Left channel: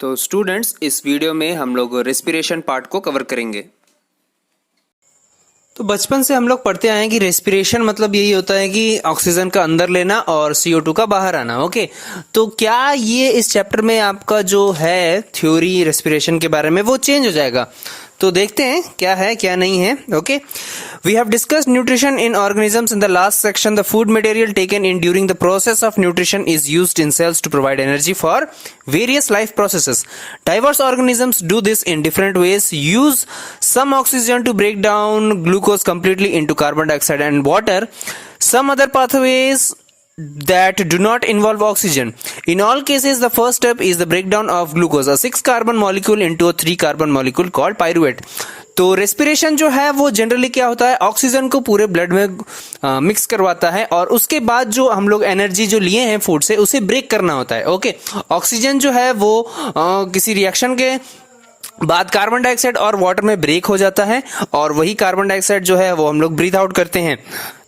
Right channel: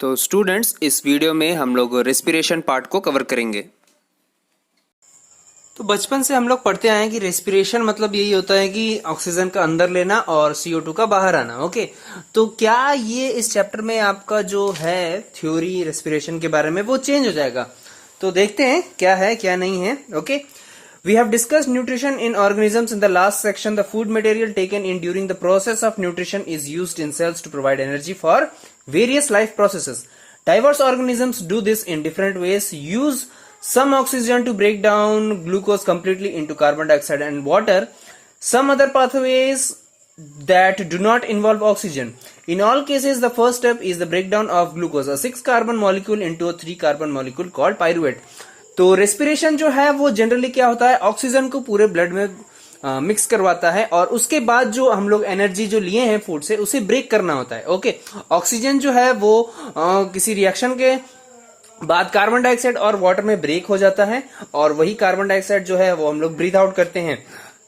तो स्टूडेंट्स, इस वीडियो में हम लोग रेस्पिरेशन पार्ट को कवर करेंगे। तो बचपन से हम लोग पढ़ते आए हैं कि रेस्पिरेशन मतलब यही होता है कि ऑक्सीजन का अंदर लेना और CO2 का बाहर आना। ओके, तो क्या ये इस चैप्टर में आपका जो है थ्योरी रेस्पिरेशन के बारे में वो चेंज हो जाएगा? तो देखते हैं क्या है क्या नहीं है। Okay, we have discussed nutrition in organisms in the last section. The food material taken in during the process of nutrition is used in cells to provide energy for various life processes. Diverse organisms do this in different ways. Use some oxygen to break down glucose completely into carbon dioxide and water. Some other pathways that do not involve oxygen. In all cases, the first step is the breakdown of glucose, a 6 carbon molecule, into a 3 carbon molecule called pyruvate. तो respiration जो है वो generally क्या होता है, oxygen को पूरे blood में मिक्स करवाता है और उसके बाद जो हम लोग एनर्जी जो लिए हैं फूड से उसे ब्रेक करना होता है। ओके, ऑक्सीजन जो है वो किसी रिएक्शन के बाद कार्बन डाइऑक्साइड और वाटर में ब्रेक हो जाता है और वही कार्बन डाइऑक्साइड जो है वो हम लोग ब्रीथ आउट करते हैं।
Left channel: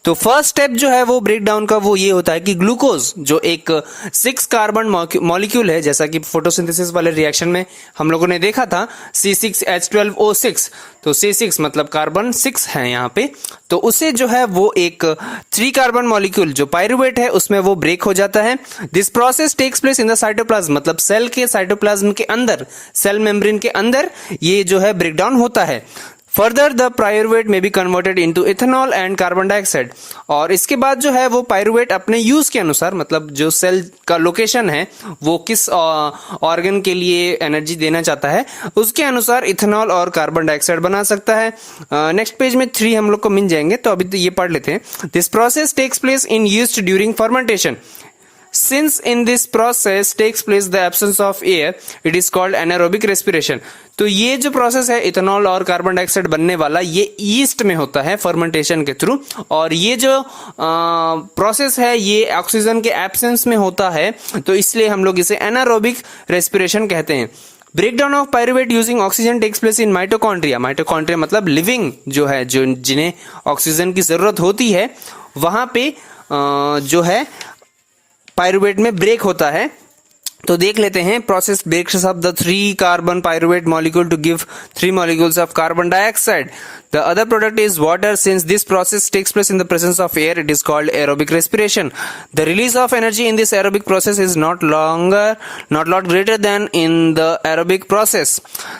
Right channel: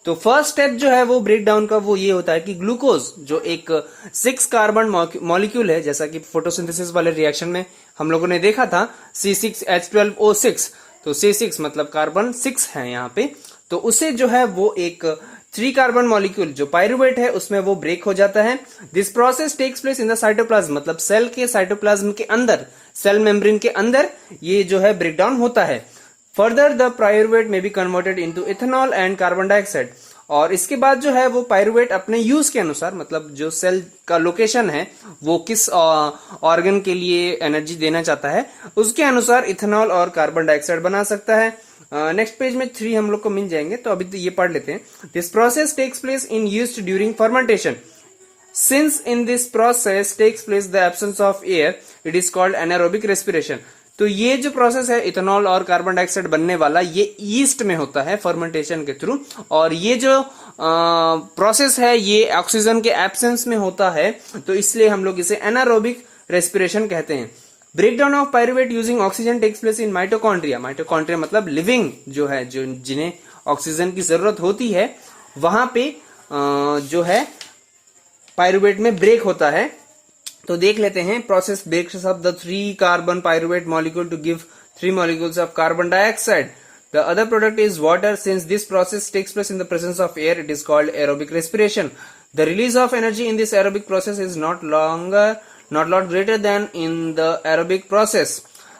तो फर्स्ट स्टेप जो है वो ब्रेक डाउन का वो ये होता है कि ग्लूकोज जो एक 6 कार्बन मॉलिक्यूल है, जैसा कि फोटोसिंथेसिस वाले रिएक्शन में हम लोगों ने देखा था C6H12O6, तो C6 मतलब कार्बन 6 है यहाँ पे, तो उसे जो है वो एक 3 कार्बन मॉलिक्यूल जो पायरुवेट है उसमें वो ब्रेक हो जाता है। This process takes place in the cytoplasm, मतलब सेल के साइटोप्लाज्म के अंदर, सेल मेम्ब्रेन के अंदर ये जो है ब्रेक डाउन होता है। फर्दर द पायरुवेट में be converted into ethanol and carbon dioxide, और इसके बाद जो है वो पायरुवेट अपने यूज के अनुसार, मतलब जो सेल का लोकेशन है वो किस ऑर्गन के लिए एनर्जी देना चाहता है उसके अनुसार इथेनॉल और कार्बन डाइऑक्साइड बना सकता है। नेक्स्ट पेज में 3 हम लोग को मिल जाएंगे, तो अभी तो ये पढ़ लेते हैं। This process takes place in yeast during fermentation. Since in this process takes place the absence of air, it is called anaerobic respiration. तो ये जो प्रोसेस है इथेनॉल और कार्बन डाइऑक्साइड बनने वाला, ये ईस्ट में होता है फर्मेंटेशन के थ्रू, और ये जो प्रोसेस है ये ऑक्सीजन के एब्सेंस में होता है, तो इसलिए हम लोग इसे एनारोबिक रेस्पिरेशन कहते हैं। Breakdown of pyruvate using oxygen takes place in mitochondria. Mitochondria मतलब लिविंग जो है, जो जिन्हें ऑक्सीजन की जरूरत होती है, वहां पे जो है पायरुवेट में ब्रेक होता है। तो देख लेते हैं, process breaks up the 3 carbon pyruvate molecule to give 3 molecules of carbon dioxide. The other product is water. Since this process takes place in the presence of air, it is called aerobic respiration. The release of energy in this aerobic process is not lot greater than in the aerobic process.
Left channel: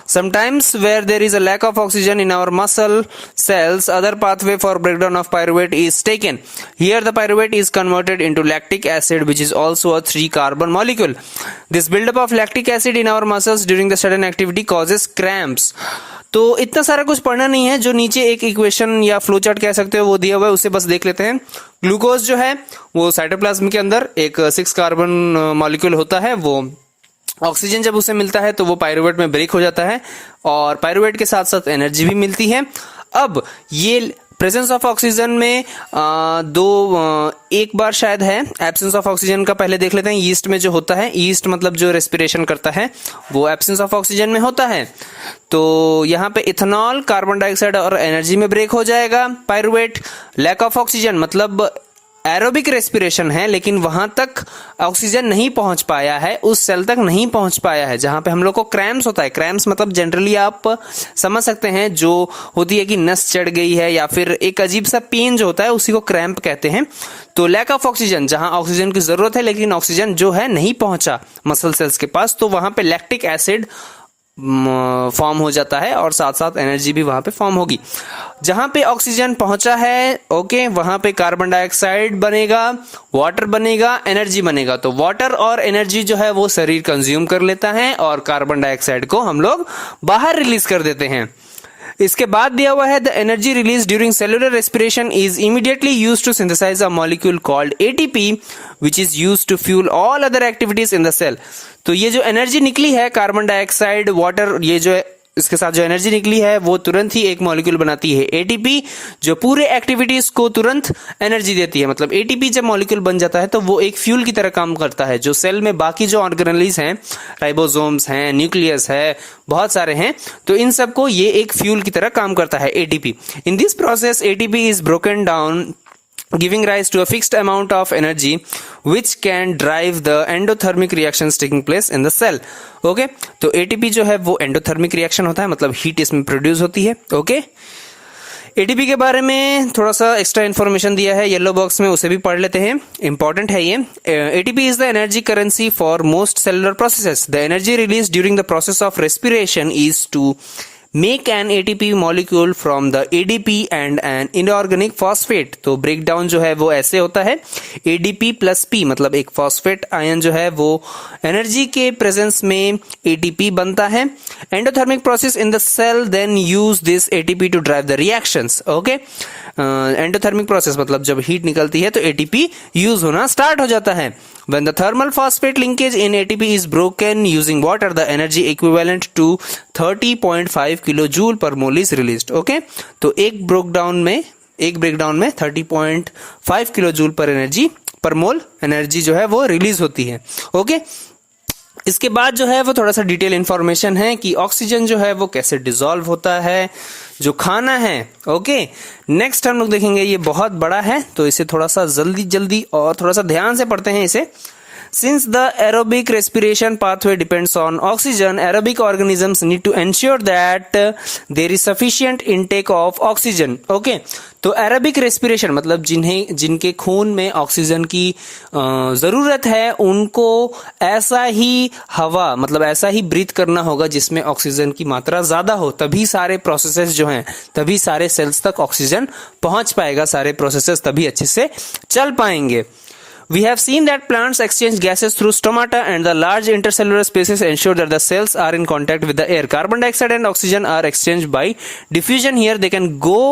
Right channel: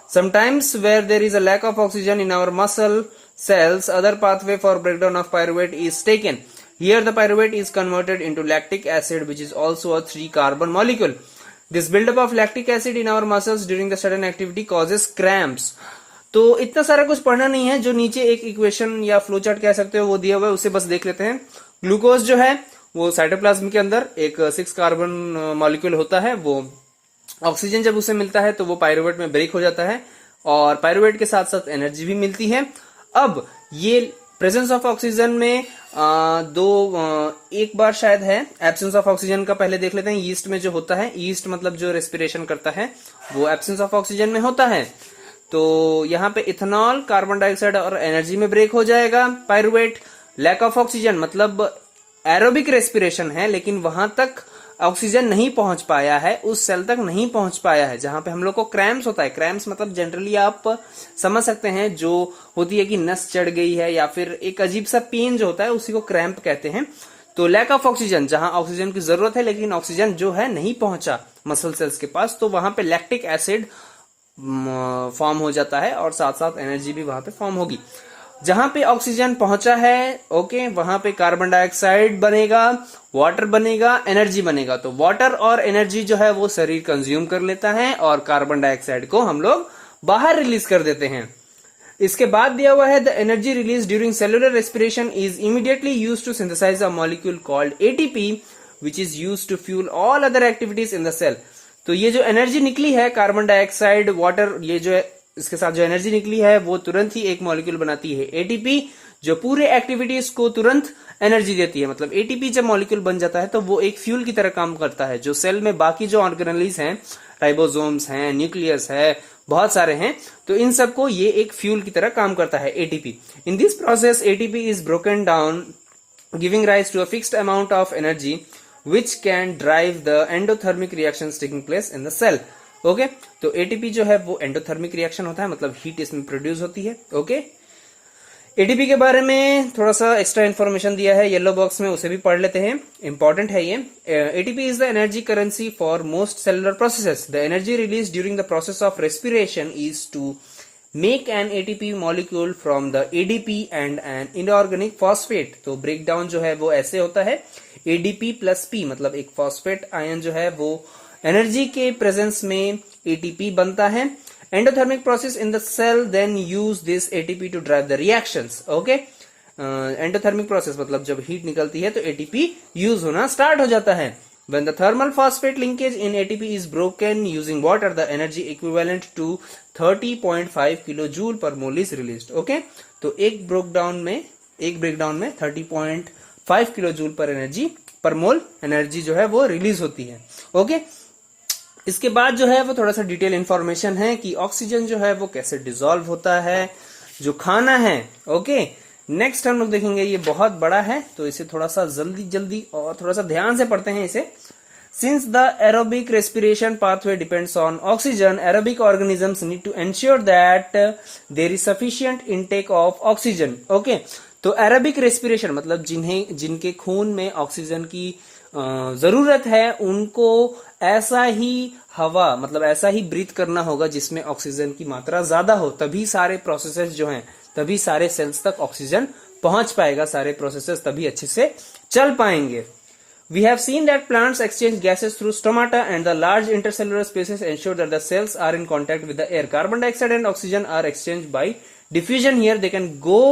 Sometimes where there is a lack of oxygen in our muscle cells, other pathway for breakdown of pyruvate is taken. Here the pyruvate is converted into lactic acid, which is also a 3 carbon molecule. This buildup of lactic acid in our muscles during the sudden activity causes cramps. तो इतना सारा कुछ पढ़ना नहीं है, जो नीचे एक इक्वेशन या फ्लो चार्ट कह सकते हो वो दिया हुआ है, उसे बस देख लेते हैं। ग्लूकोज जो है वो साइटोप्लाज्म के अंदर एक 6 कार्बन मॉलिक्यूल होता है, वो ऑक्सीजन जब उसे मिलता है तो वो पायरुवेट में ब्रेक हो जाता है और पायरुवेट के साथ साथ एनर्जी भी मिलती है। अब ये प्रेजेंस ऑफ ऑक्सीजन में एक बार शायद है, एब्सेंस ऑफ ऑक्सीजन का पहले देख लेते हैं। ईस्ट में जो होता है, ईस्ट मतलब जो रेस्पिरेशन करता है वो एब्सेंस ऑफ ऑक्सीजन में होता है, तो यहाँ पे इथेनॉल, कार्बन डाइऑक्साइड और एनर्जी में ब्रेक हो जाएगा। पायरुवेट लैक ऑफ ऑक्सीजन मतलब एरोबिक रेस्पिरेशन है, लेकिन वहां तक ऑक्सीजन नहीं पहुंच पाया है, उस सेल तक नहीं पहुंच पाया है जहां पे हम लोग को क्रैम्प्स होता है। क्रैम्प्स मतलब जनरली आप समझ सकते हैं, जो होती है कि नस चढ़ गई है या फिर एक अजीब सा पेन जो होता है उसी को क्रैम्प कहते हैं। तो लैक ऑफ ऑक्सीजन, जहां ऑक्सीजन की जरूरत है लेकिन ऑक्सीजन जो है नहीं पहुंचा मसल सेल्स के पास, तो वहां पे लैक्टिक एसिड फॉर्म हो जाता है और साथ साथ एनर्जी भी वहां पे फॉर्म होगी। जहां पे ऑक्सीजन पहुंचा है, ओके, वहां पे कार्बन डाइऑक्साइड बनेगा, वाटर बनेगा, एनर्जी बनेगा। तो वाटर और एनर्जी जो है वो शरीर कंज्यूम कर लेता है और कार्बन डाइऑक्साइड को हम लोग बाहर रिलीज कर देते हैं। इसके बाद दिया हुआ है, the energy release during cellular respiration is immediately used to synthesise a molecule called ATP, which is used to fuel all other activities in the cell. तो ये जो एनर्जी निकली है, कार्बन डाइऑक्साइड, वाटर, ये जो है इसके साथ जो एनर्जी निकली है वो तुरंत ही एक मॉलिक्यूल बनाती है ATP, जो पूरे एक्टिविटीज को तुरंत एनर्जी देती है। मतलब ATP जब मॉलिक्यूल बन जाता है तो वो एक फ्यूल की तरह काम करता है, जो सेल में बाकी जो ऑर्गेनेलीज हैं, राइबोसोम्स हैं, न्यूक्लियस है, बहुत सारे हैं, तो इन सबको ये एक फ्यूल की तरह काम करता है ATP. In this process ATP is broken down giving rise to a fixed amount of energy which can drive the endothermic reactions taking place in the cell. Okay तो एटीपी जो है वो एंडोथर्मिक रिएक्शन होता है, मतलब heat इसमें produce होती है. ओके एटीपी के बारे में थोड़ा सा एक्स्ट्रा इन्फॉर्मेशन दिया है येलो बॉक्स में, उसे भी पढ़ लेते हैं, इंपॉर्टेंट है ये. ATP is the energy currency for most cellular processes. The energy release during the process of respiration is to make an ATP molecule from the ADP and an inorganic phosphate. तो break down जो है वो ऐसे होता है, ADP plus P मतलब एक phosphate ion जो है वो एनर्जी के प्रेजेंस में ATP बनता है. Endothermic process in the cell then use this ATP to drive the reactions. Okay endothermic process मतलब जब हीट निकलती है तो ATP यूज होना स्टार्ट हो जाता है. When the thermal phosphate linkage in ATP is broken using water, the energy equivalent to 30.5 kilojoule per mole is released. Okay, तो एक ब्रेकडाउन में 30.5 किलोजूल पर मोल एनर्जी जो है वो रिलीज होती है. ओके इसके बाद जो है वो थोड़ा सा डिटेल इंफॉर्मेशन है कि ऑक्सीजन जो है वो कैसे डिसॉल्व होता है, जो खाना है. ओके नेक्स्ट हम लोग देखेंगे, ये बहुत बड़ा है तो इसे थोड़ा सा जल्दी और थोड़ा सा ध्यान से पढ़ते हैं इसे. Since the aerobic respiration pathway depends on oxygen, aerobic organisms need to ensure that there is sufficient intake of oxygen. Okay, तो एरोबिक रेस्पिरेशन मतलब जिनके खून में ऑक्सीजन की जरूरत है उनको ऐसा ही हवा मतलब ऐसा ही ब्रीथ करना होगा जिसमें ऑक्सीजन की मात्रा ज्यादा हो, तभी सारे प्रोसेसेस जो हैं, तभी सारे सेल्स तक ऑक्सीजन पहुंच पाएगा, सारे प्रोसेसेस तभी अच्छे से चल पाएंगे. We have seen that plants exchange gases through stomata and the large intercellular spaces ensure that the cells are in contact with the air. Carbon dioxide and oxygen are exchanged by diffusion. Here they can go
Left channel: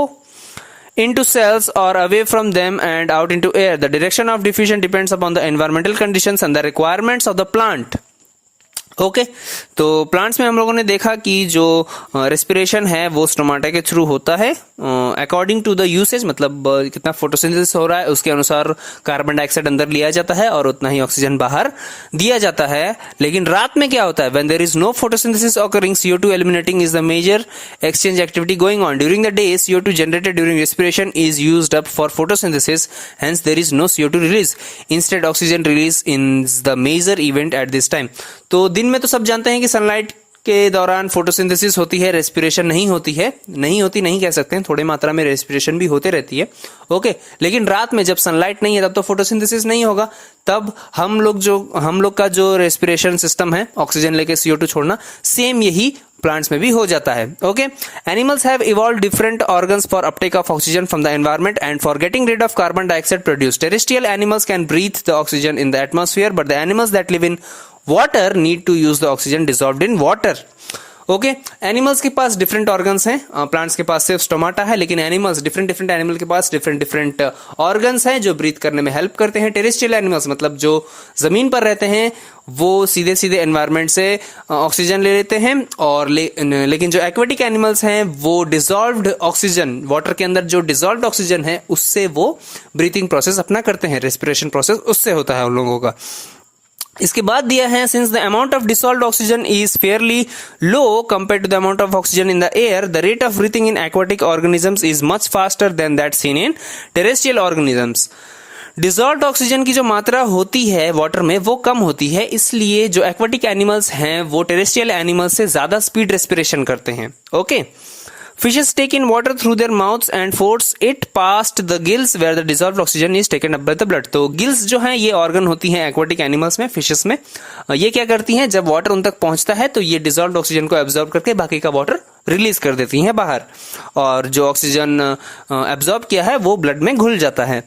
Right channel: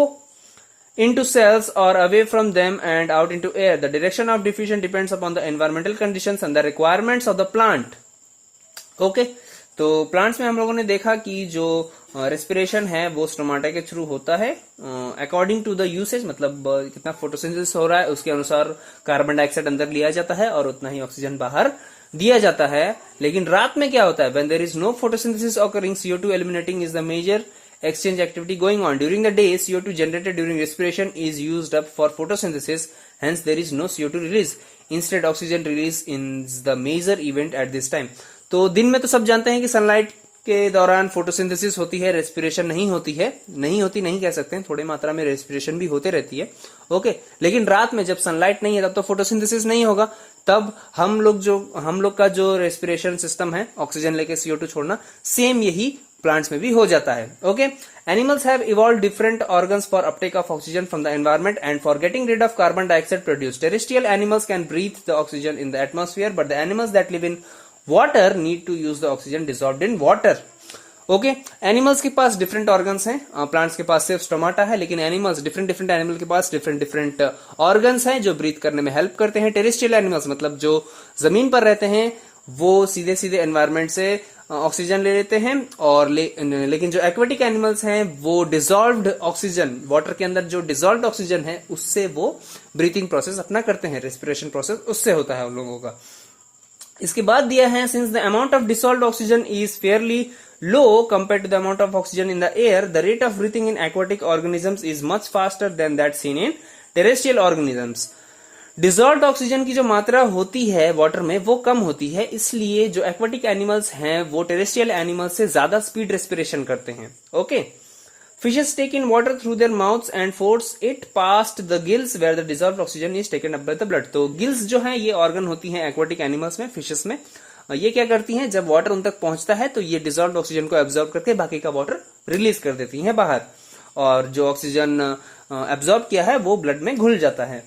into cells or away from them and out into air. The direction of diffusion depends upon the environmental conditions and the requirements of the plant. Okay तो plants में हम लोगों ने देखा कि जो respiration है वो स्टोमाटा के थ्रू होता है अकॉर्डिंग टू द यूसेज, मतलब कितना फोटोसिंथेसिस हो रहा है उसके अनुसार कार्बन डाइऑक्साइड अंदर लिया जाता है और उतना ही ऑक्सीजन बाहर दिया जाता है. लेकिन रात में क्या होता है, when there is no photosynthesis occurring, CO2 eliminating is the major exchange activity going on. During the day CO2 generated during respiration is used up for photosynthesis, hence there is no CO2 release. Instead oxygen release in the major event at this time. तो दिन में तो सब जानते हैं कि sunlight के दौरान फोटोसिंथेसिस होती है, रेस्पिरेशन नहीं होती नहीं कह सकते हैं, थोड़ी मात्रा में रेस्पिरेशन भी होते रहती है. ओके लेकिन रात में जब सनलाइट नहीं है तब तो फोटोसिंथेसिस नहीं होगा, तब हम लोग का जो रेस्पिरेशन सिस्टम है ऑक्सीजन लेके CO2 छोड़ना, सेम यही प्लांट्स में भी हो जाता है. Okay animals have evolved different organs for uptake of oxygen from the environment and for getting rid of carbon dioxide produced. Terrestrial animals can breathe the oxygen in the atmosphere but the animals that live in water need to use the oxygen dissolved in water. Okay animals के पास different organs हैं, plants के पास सिर्फ stomata है, लेकिन animals different animal के पास डिफरेंट ऑर्गन्स हैं जो ब्रीथ करने में हेल्प करते हैं. टेरेस्ट्रियल एनिमल्स मतलब जो जमीन पर रहते हैं वो सीधे एनवायरनमेंट से ऑक्सीजन ले लेते हैं, और लेकिन जो एक्वेटिक एनिमल्स हैं वो डिसॉल्व्ड ऑक्सीजन, वाटर के अंदर जो डिसॉल्व्ड ऑक्सीजन है उससे वो ब्रीथिंग प्रोसेस अपना करते हैं, रेस्पिरेशन प्रोसेस उससे होता है उन लोगों का. इसके बाद दिया है, since the amount of dissolved oxygen is fairly low compared to the amount of oxygen in the air, the rate of breathing in aquatic organisms is much faster than that seen in terrestrial organisms. Dissolved oxygen की जो मात्रा होती है water में वो कम होती है, इसलिए जो एक्वाटिक एनिमल्स हैं वो टेरेस्ट्रियल एनिमल्स से ज्यादा स्पीड रेस्पिरेशन करते हैं. Okay Fishes take in water through their mouths and force it past the gills where the dissolved oxygen is taken up by the blood. तो गिल्स जो हैं ये ऑर्गन होती हैं एक्वाटिक एनिमल्स में, फिशेस में. ये क्या करती हैं, जब वाटर उन तक पहुंचता है तो ये डिसॉल्व्ड ऑक्सीजन को एब्जॉर्ब करके बाकी का वाटर रिलीज कर देती हैं बाहर, और जो ऑक्सीजन एब्जॉर्ब किया है वो ब्लड में घुल जाता है.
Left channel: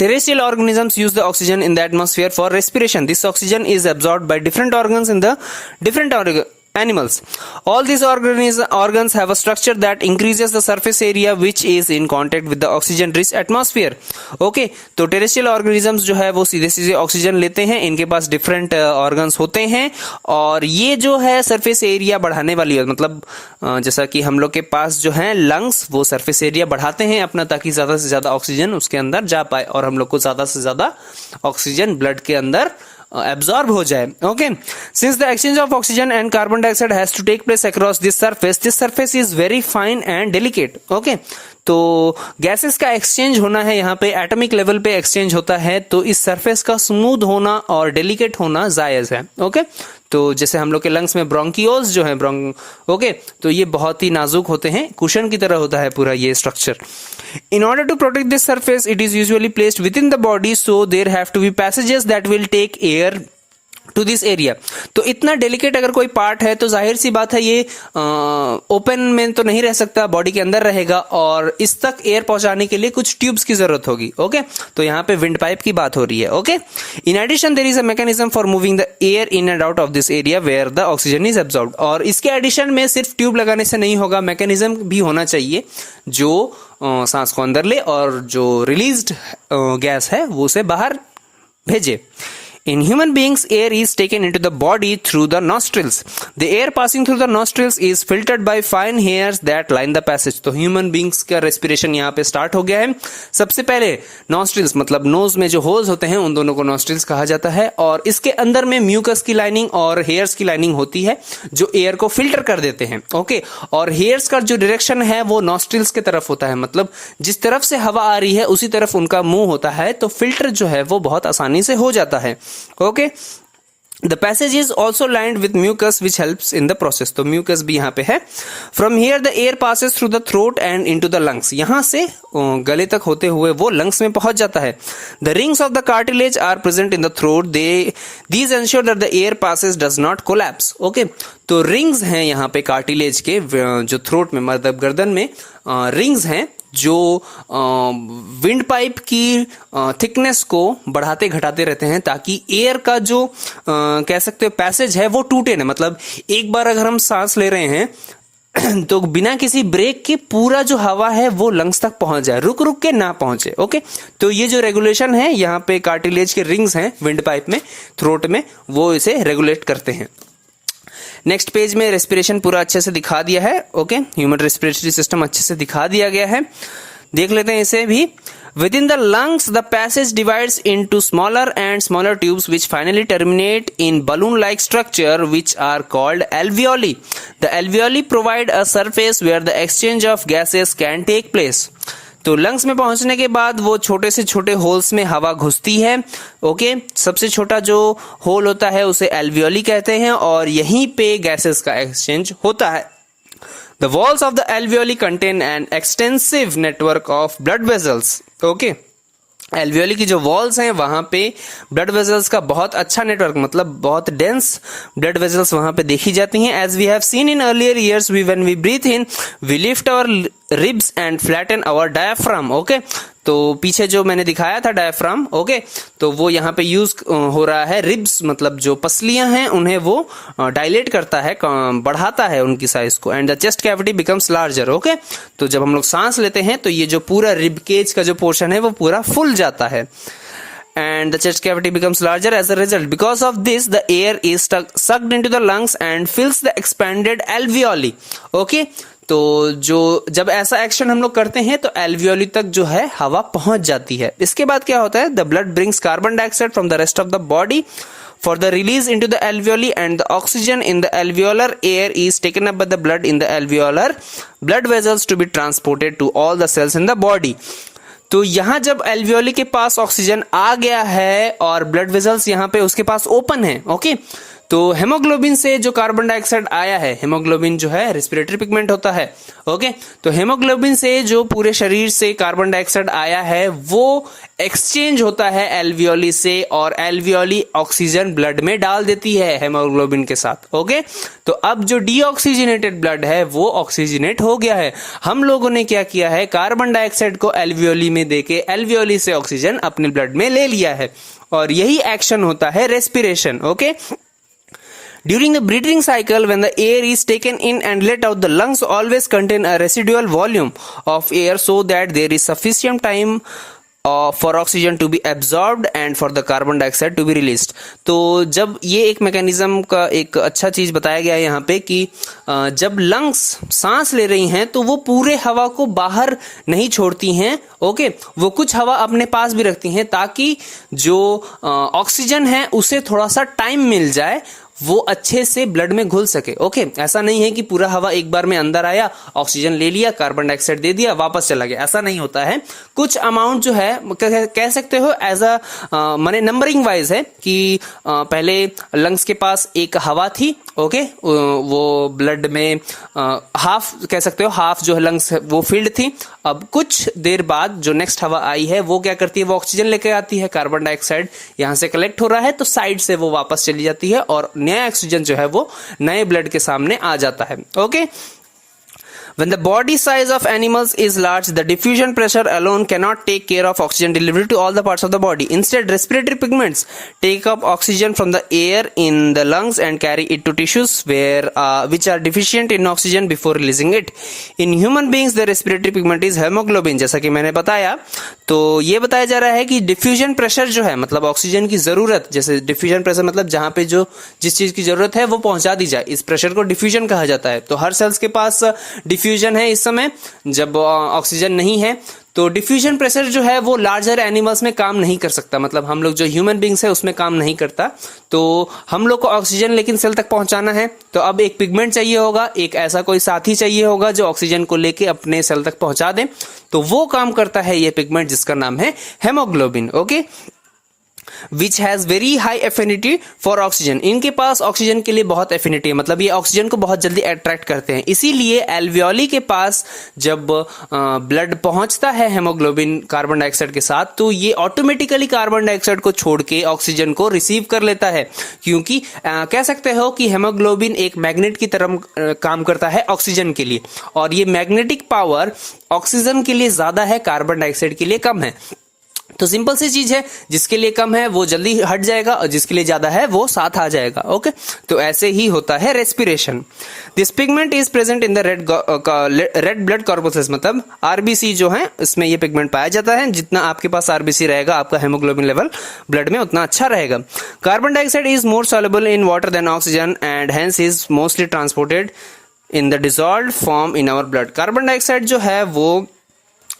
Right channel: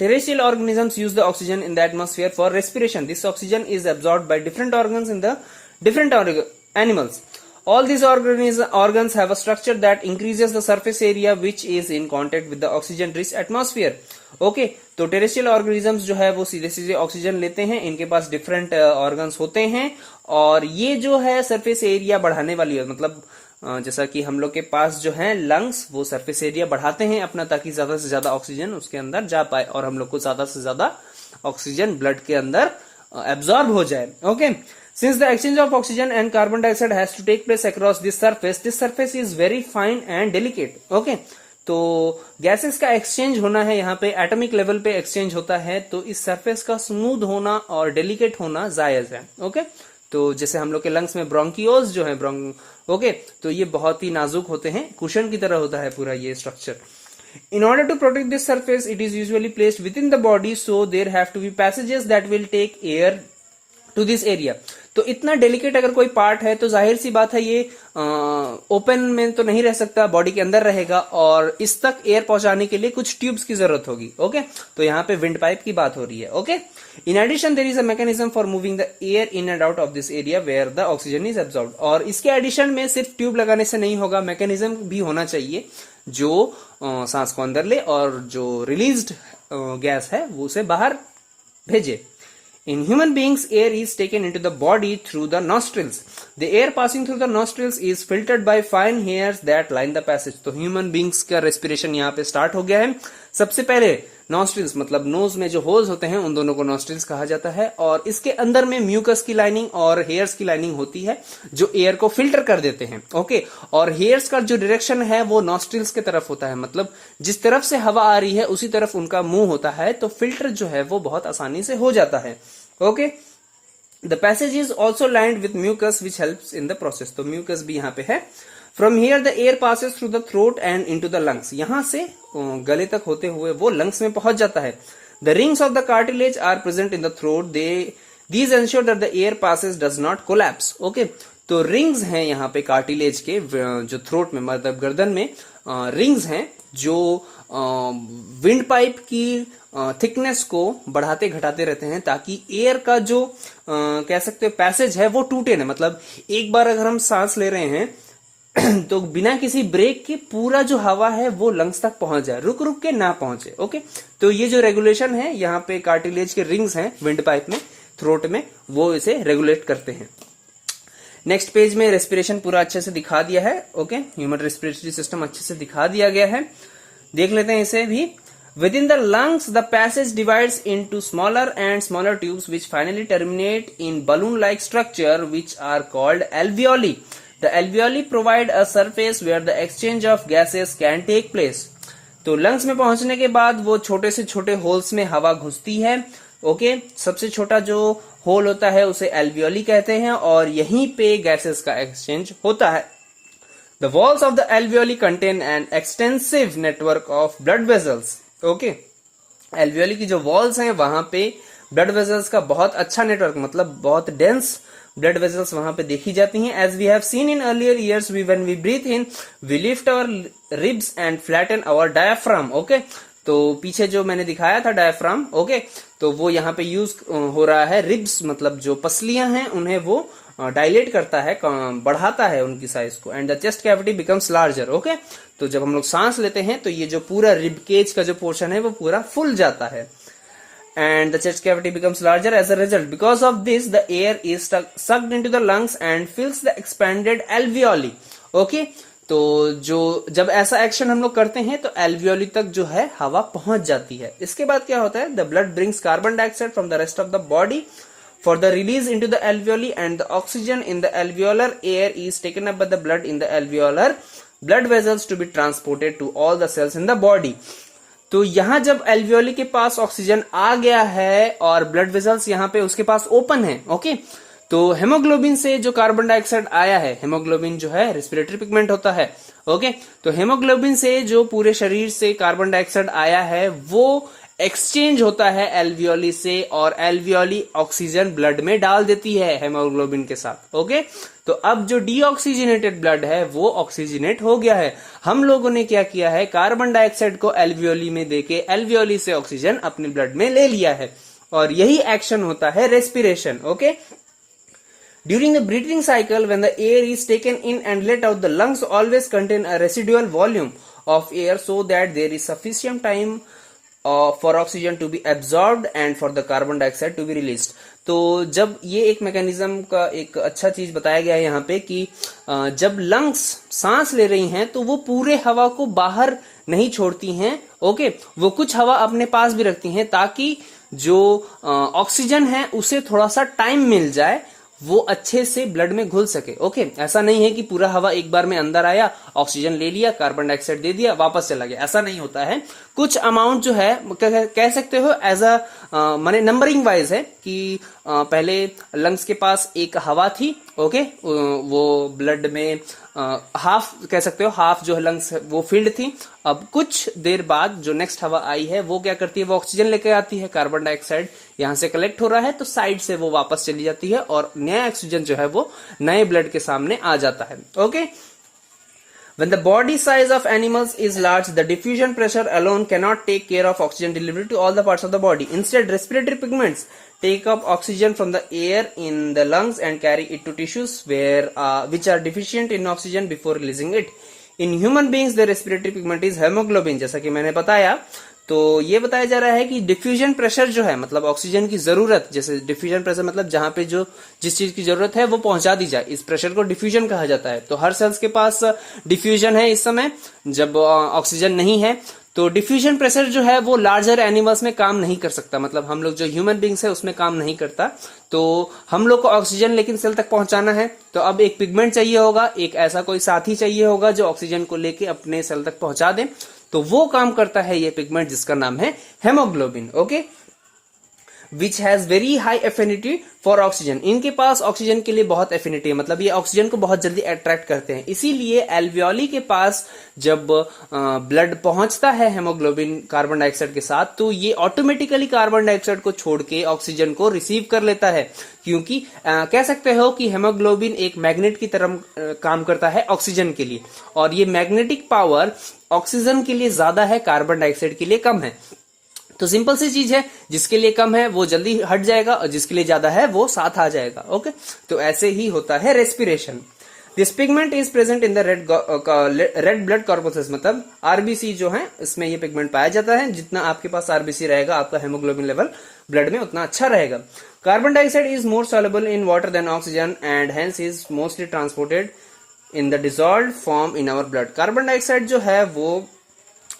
Terrestrial organisms use the oxygen in the atmosphere for respiration. This oxygen is absorbed by different organs in the different animals. All these organs have a structure that increases the surface area which is in contact with the oxygen rich atmosphere. Okay, तो terrestrial organisms जो है वो सीधे oxygen लेते हैं, इनके पास different organs होते हैं, और ये जो है सरफेस एरिया बढ़ाने वाली है, मतलब जैसा कि हम लोग के पास जो है लंग्स वो सरफेस एरिया बढ़ाते हैं अपना, ताकि ज्यादा से ज्यादा ऑक्सीजन उसके अंदर जा पाए और हम लोग को ज्यादा से ज्यादा ऑक्सीजन ब्लड के अंदर absorb हो जाए. Okay, since the exchange of oxygen and carbon dioxide has to take place across this surface is very fine and delicate. Okay, तो गैसेस का एक्सचेंज होना है, यहाँ पे एटॉमिक लेवल पे एक्सचेंज होता है, तो इस सरफेस का स्मूथ होना और डेलिकेट होना जायज है। ओके, तो जैसे हम लोग के लंग्स में ब्रोंकियोल्स जो है ओके, तो ये बहुत ही नाजुक होते हैं, कुशन की तरह होता है पूरा ये structure. In order to protect this surface, it is usually placed within the body, so there have to be passages that will take air to this area। तो इतना डेलिकेट अगर कोई पार्ट है तो जाहिर सी बात है ये ओपन में तो नहीं रह सकता, बॉडी के अंदर रहेगा, और इस तक एयर पहुंचाने के लिए कुछ ट्यूब्स की जरूरत होगी। ओके, तो यहाँ पे विंड पाइप की बात हो रही है। Okay, in addition there is a mechanism for moving the air in and out of this area where the oxygen is absorbed. और इसके एडिशन में सिर्फ ट्यूब लगाने से नहीं होगा, मैकेनिज्म भी होना चाहिए जो सांस को अंदर ले और जो रिलीज्ड गैस है वो उसे बाहर भेजे। In human beings, air is taken into the body through the nostrils. The air passing through the nostrils is filtered by fine hairs that line the passage. तो human beings का respiration यहाँ पे start हो गया है। सबसे पहले nostrils मतलब nose में जो holes होते हैं उन दोनों को nostrils कहा जाता है, और इसके अंदर में mucus की lining और hairs की lining होती है जो air को filter कर देते हैं। ओके, और hairs का जो direction है वो nostrils के तरफ होता है, मतलब जिस तरफ से हवा आ रही है उसी तरफ उनका मुंह होता है, तो filter जो है वो बहुत आसानी से हो जाता है। Okay, The passage is also lined with mucus which helps in the process। तो mucus भी यहाँ पे है। From here the air passes through the throat and into the lungs। यहाँ से गले तक होते हुए वो lungs में पहुंच जाता है। The rings of the cartilage are present in the throat। These ensure that the air passes does not collapse। Okay, तो रिंग्स हैं यहाँ पे कार्टिलेज के, जो थ्रोट में मतलब गर्दन में रिंग्स हैं जो विंड पाइप की थिकनेस को बढ़ाते घटाते रहते हैं ताकि एयर का जो कह सकते हो पैसेज है वो टूटे ना। मतलब एक बार अगर हम सांस ले रहे हैं तो बिना किसी ब्रेक के पूरा जो हवा है वो लंग्स तक पहुंच जाए, रुक रुक के ना पहुंचे। ओके, तो ये जो रेगुलेशन है यहाँ पे कार्टिलेज के रिंग्स हैं विंड पाइप में, थ्रोट में, वो इसे रेगुलेट करते हैं। नेक्स्ट पेज में रेस्पिरेशन पूरा अच्छे से दिखा दिया है। ओके, ह्यूमन रेस्पिरेटरी सिस्टम अच्छे से दिखा दिया गया है, देख लेते हैं इसे भी। Within the lungs, the passage divides into smaller and smaller tubes which finally terminate in balloon-like structure which are called alveoli. The alveoli provide a surface where the exchange of gases can take place. तो lungs में पहुंचने के बाद वो छोटे से छोटे holes में हवा घुसती है। ओके, सबसे छोटा जो होल होता है उसे एल्वियोली कहते हैं और यहीं पे गैसेस का एक्सचेंज होता है। The walls of the alveoli contain an extensive network of blood vessels। Okay, alveoli की जो वॉल्स हैं वहां पे ब्लड वेजल्स का बहुत अच्छा नेटवर्क, मतलब बहुत डेंस ब्लड वेजल्स वहां पे देखी जाती हैं। As we have seen in earlier years, when we breathe in we lift our ribs and flatten our diaphragm. Okay, तो पीछे जो मैंने दिखाया था डायफ्राम, ओके, तो वो यहाँ पे यूज हो रहा है। रिब्स मतलब जो पसलियां हैं उन्हें वो डायलेट करता है, बढ़ाता है उनकी साइज को। And the chest cavity becomes larger. Okay, तो जब हम लोग सांस लेते हैं तो ये जो पूरा रिब केज का जो पोर्शन है वो पूरा फुल जाता है। And the chest cavity becomes larger as a result. Because of this, the air is sucked into the lungs and fills the expanded alveoli. Okay? तो जो जब ऐसा एक्शन हम लोग करते हैं तो एल्वियोली तक जो है हवा पहुंच जाती है। इसके बाद क्या होता है? The blood brings carbon dioxide from the rest of the body for the release into the alveoli, and the oxygen in the alveolar air is taken up by the blood in the alveolar blood vessels to be transported to all the cells in the body। तो यहां जब alveoli के पास oxygen आ गया है और blood vessels यहां पे उसके पास ओपन है, ओके, तो हेमोग्लोबिन से जो कार्बन डाइऑक्साइड आया है, हेमोग्लोबिन जो है रेस्पिरेटरी पिगमेंट होता है, ओके, तो हेमोग्लोबिन से जो पूरे शरीर से कार्बन डाइऑक्साइड आया है वो एक्सचेंज होता है एल्वियोली से, और एल्वियोली ऑक्सीजन ब्लड में डाल देती है हेमोग्लोबिन के साथ। ओके, तो अब जो डीऑक्सीजनेटेड ब्लड है वो ऑक्सीजनेट हो गया है। हम लोगों ने क्या किया है? कार्बन डाइऑक्साइड को एल्वियोली में देके एल्वियोली से ऑक्सीजन अपने ब्लड में ले लिया है, और यही एक्शन होता है respiration. Okay, during the breathing cycle, when the air is taken in and let out, the lungs always contain a residual volume of air so that there is sufficient time for oxygen to be absorbed and for the carbon dioxide to be released। तो जब ये एक mechanism का एक अच्छा चीज बताया गया है यहाँ पे कि जब लंग्स सांस ले रही हैं तो वो पूरे हवा को बाहर नहीं छोड़ती हैं, ओके, वो कुछ हवा अपने पास भी रखती हैं ताकि जो ऑक्सीजन है उसे थोड़ा सा टाइम मिल जाए वो अच्छे से ब्लड में घुल सके। ओके, ऐसा नहीं है कि पूरा हवा एक बार में अंदर आया, ऑक्सीजन ले लिया, कार्बन डाइऑक्साइड दे दिया, वापस चला गया, ऐसा नहीं होता है। कुछ अमाउंट जो है कह सकते हो एज अ माने नंबरिंग वाइज है कि पहले लंग्स के पास एक हवा थी, ओके, वो ब्लड में हाफ कह सकते हो, हाफ जो है लंग्स वो फील्ड थी। अब कुछ देर बाद जो नेक्स्ट हवा आई है वो क्या करती है, वो ऑक्सीजन लेके आती है, कार्बन डाइऑक्साइड यहां से कलेक्ट हो रहा है तो साइड से वो वापस चली जाती है और नया ऑक्सीजन जो है वो नए ब्लड के सामने आ जाता है। Okay, when the body size of animals is large, the diffusion pressure alone cannot take care of oxygen delivery to all the parts of the body. Instead, respiratory pigments take up oxygen from the air in the lungs and carry it to tissues which are deficient in oxygen before releasing it. In human beings, the respiratory pigment is hemoglobin. जैसा कि मैंने बताया, तो ये बताया जा रहा है कि डिफ्यूजन प्रेशर जो है मतलब ऑक्सीजन की जरूरत, जैसे डिफ्यूजन प्रेशर मतलब जहां पे जो जिस चीज की जरूरत है वो पहुंचा दी जाए, इस प्रेशर को डिफ्यूजन कहा जाता है। तो हर सेल्स के पास डिफ्यूजन है इस समय जब ऑक्सीजन नहीं है, तो डिफ्यूजन प्रेशर जो है वो लार्जर एनिमल्स में काम नहीं कर सकता, मतलब हम लोग जो ह्यूमन बींग्स है उसमें काम नहीं करता। तो हम लोग को ऑक्सीजन लेकिन सेल तक पहुंचाना है, तो अब एक पिगमेंट चाहिए होगा, एक ऐसा कोई साथी चाहिए होगा जो ऑक्सीजन को लेके अपने सेल तक पहुंचा दे, तो वो काम करता है ये पिगमेंट जिसका नाम है haemoglobin. Okay, which has very high affinity for oxygen. इनके पास ऑक्सीजन के लिए बहुत एफिनिटी है, मतलब ये ऑक्सीजन को बहुत जल्दी अट्रैक्ट करते हैं। इसीलिए एल्वियोली के पास जब ब्लड पहुंचता है हेमोग्लोबिन कार्बन डाइऑक्साइड के साथ, तो ये ऑटोमेटिकली कार्बन डाइऑक्साइड को छोड़ के ऑक्सीजन को रिसीव कर लेता है, क्योंकि कह सकते हो कि हेमोग्लोबिन एक मैग्नेट की तरह काम करता है ऑक्सीजन के लिए, और ये मैग्नेटिक पावर ऑक्सीजन के लिए ज्यादा है, कार्बन डाइऑक्साइड के लिए कम है। तो सिंपल सी चीज है, जिसके लिए कम है वो जल्दी हट जाएगा और जिसके लिए ज्यादा है वो साथ आ जाएगा। ओके, तो ऐसे ही होता है respiration. This pigment is present in the red blood corpses, मतलब आरबीसी जो है इसमें ये पिगमेंट पाया जाता है। जितना आपके पास आरबीसी रहेगा, आपका हेमोग्लोबिन लेवल ब्लड में उतना अच्छा रहेगा। Carbon dioxide is more soluble in water than oxygen and hence is mostly transported in the dissolved form in our blood. Carbon dioxide जो है वो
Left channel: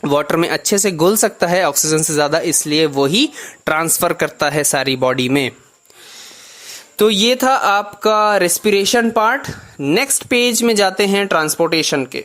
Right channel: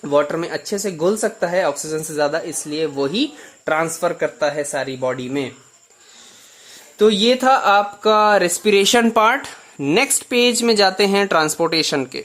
वाटर में अच्छे से घुल सकता है ऑक्सीजन से ज्यादा, इसलिए वो ही ट्रांसफर करता है सारी बॉडी में। तो ये था आपका रेस्पिरेशन पार्ट। नेक्स्ट पेज में जाते हैं ट्रांसपोर्टेशन के।